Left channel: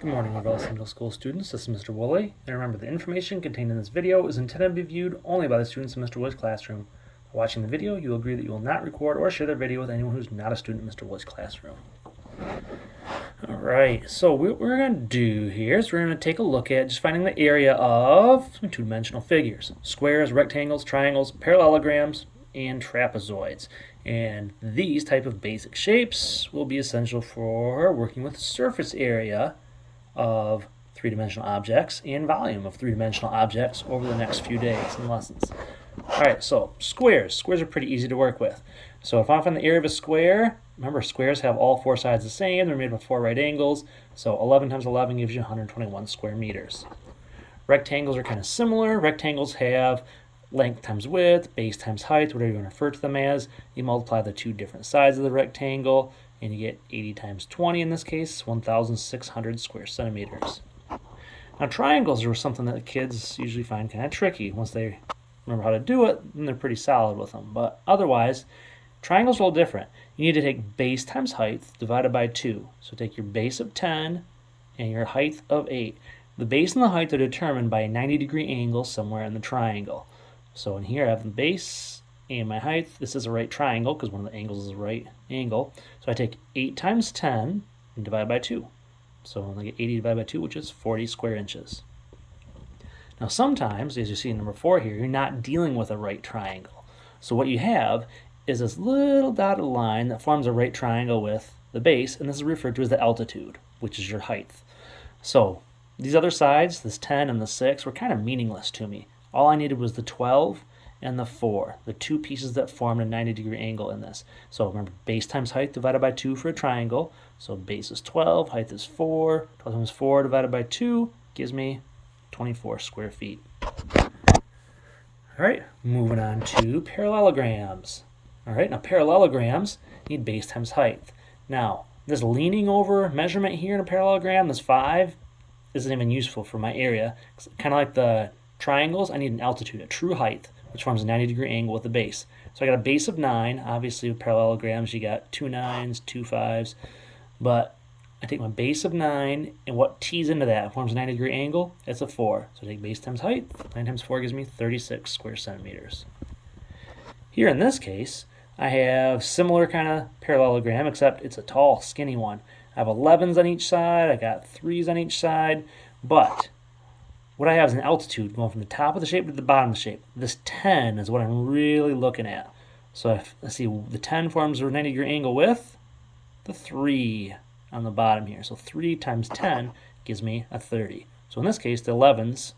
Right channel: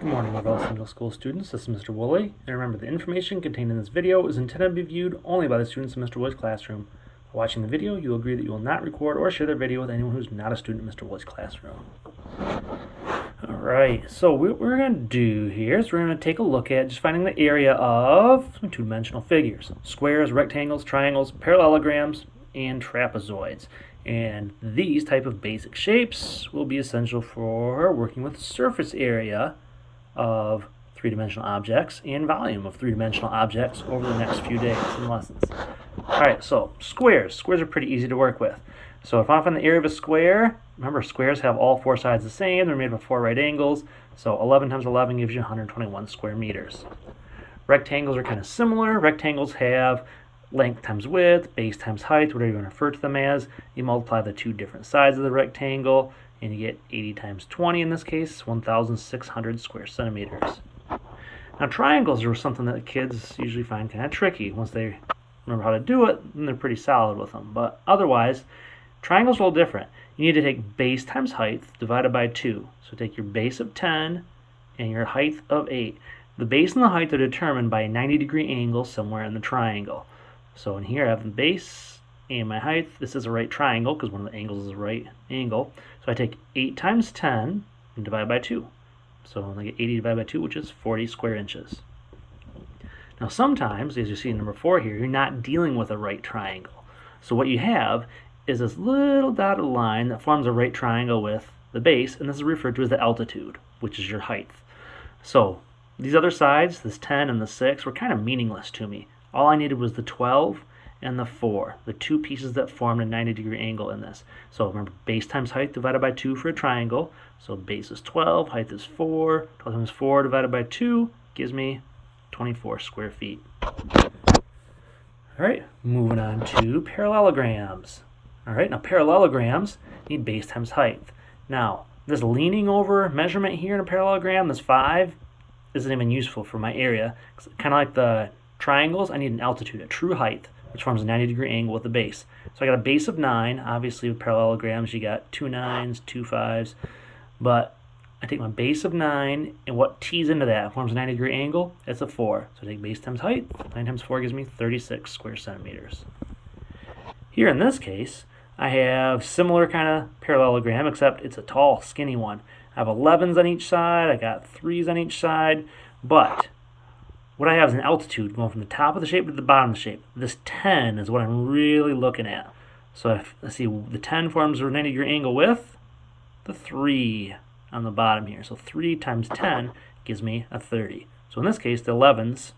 Good morning, Lavelle Central School students. This is Mr. Woolley, and remember the information contained in this video is intended to be viewed only by the students in Mr. Woolley's classroom. By watching the video, you will agree that you will not record or share the video with anyone who's not a student in Mr. Woolley's classroom. Alright, so what we're going to do here is we're going to take a look at just finding the area of some two-dimensional figures. Squares, rectangles, triangles, parallelograms, and trapezoids. And these type of basic shapes will be essential for working with surface area of three-dimensional objects and volume of three-dimensional objects over the next few days and lessons. Alright, so squares. Squares are pretty easy to work with. So if I find the area of a square, remember squares have all four sides the same. They're made up of four right angles. So 11 times 11 gives you 121 square meters. Rectangles are kind of similar. Rectangles have length times width, base times height, whatever you want to refer to them as. You multiply the two different sides of the rectangle, and you get 80 times 20 in this case, 1,600 square centimeters. Now triangles are something that kids usually find kind of tricky. Once they remember how to do it, then they're pretty solid with them. But otherwise, triangles are a little different. You need to take base times height divided by 2. So take your base of 10 and your height of 8. The base and the height are determined by a 90-degree angle somewhere in the triangle. So in here I have the base and my height. This is a right triangle because one of the angles is a right angle. So I take 8 times 10 and divide by 2. So I get 80 divided by 2, which is 40 square inches. Now sometimes, as you see in number 4 here, you're not dealing with a right triangle. So what you have is this little dotted line that forms a right triangle with the base, and this is referred to as the altitude, which is your height. So these other sides, this 10 and the 6, were kind of meaningless to me. All I needed was the 12 and the 4, the two pieces that formed a 90-degree angle in this. So remember, base times height divided by 2 for a triangle. So base is 12, height is 4. 12 times 4 divided by 2 gives me 24 square feet. All right, moving on to parallelograms. All right, now parallelograms need base times height. Now, this leaning over measurement here in a parallelogram, this 5, isn't even useful for my area. Kind of like the triangles, I need an altitude, a true height, which forms a 90-degree angle with the base. So I got a base of 9. Obviously, with parallelograms, you got 2 9s, 2 5s. But I take my base of 9, and what tees into that forms a 90-degree angle? It's a 4. So I take base times height. 9 times 4 gives me 36 square centimeters. Here in this case, I have similar kind of parallelogram, except it's a tall, skinny one. I have 11s on each side. I got 3s on each side. But what I have is an altitude going from the top of the shape to the bottom of the shape. This 10 is what I'm really looking at. So if, let's see, the 10 forms a 90-degree angle with the 3 on the bottom here. So 3 times 10 gives me a 30. So in this case, the 11s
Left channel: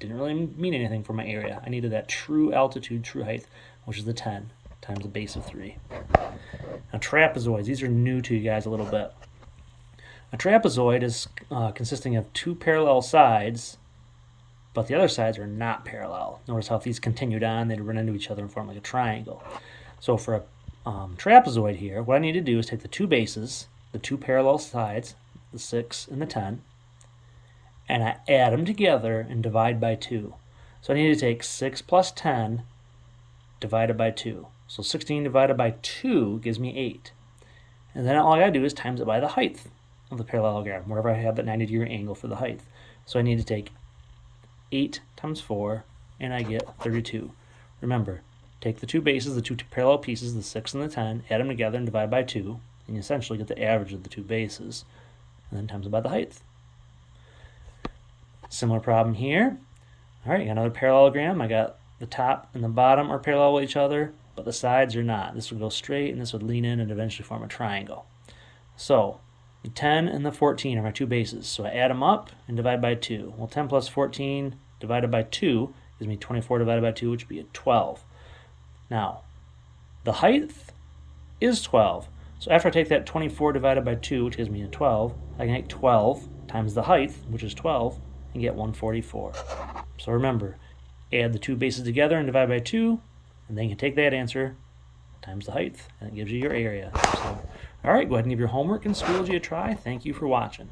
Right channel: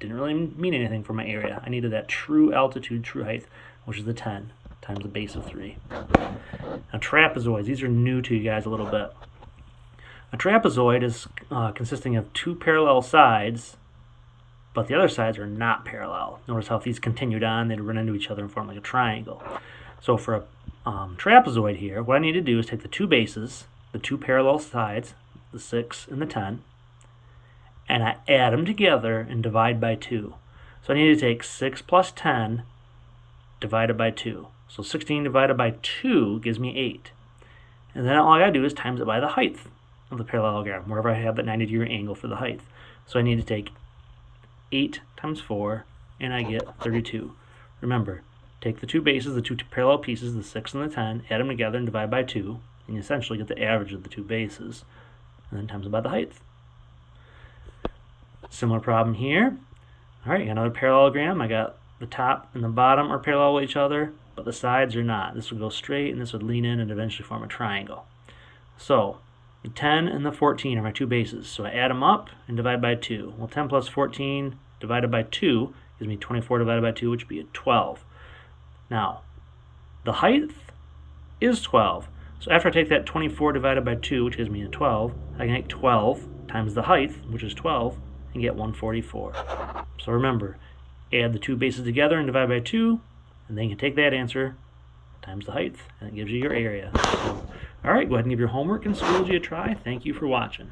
didn't really mean anything for my area. I needed that true altitude, true height, which is the 10 times the base of 3. Now trapezoids, these are new to you guys a little bit. A trapezoid is consisting of two parallel sides, but the other sides are not parallel. Notice how if these continued on, they'd run into each other and form like a triangle. So for a trapezoid here, what I need to do is take the two bases, the two parallel sides, the 6 and the 10, and I add them together and divide by 2. So I need to take 6 plus 10 divided by 2. So 16 divided by 2 gives me 8. And then all I gotta do is times it by the height of the parallelogram, wherever I have that 90-degree angle for the height. So I need to take 8 times 4, and I get 32. Remember, take the two bases, the two parallel pieces, the 6 and the 10, add them together and divide by 2, and you essentially get the average of the two bases, and then times it by the height. Similar problem here. All right, got another parallelogram. I got the top and the bottom are parallel with each other, but the sides are not. This would go straight, and this would lean in and eventually form a triangle. So the 10 and the 14 are my two bases, so I add them up and divide by 2. Well, 10 plus 14 divided by 2 gives me 24 divided by 2, which would be a 12. Now, the height is 12. So after I take that 24 divided by 2, which gives me a 12, I can take 12 times the height, which is 12, and get 144. So remember, add the two bases together and divide by 2, and then you can take that answer times the height, and it gives you your area. So, all right, go ahead and give your homework in Schoology a try. Thank you for watching.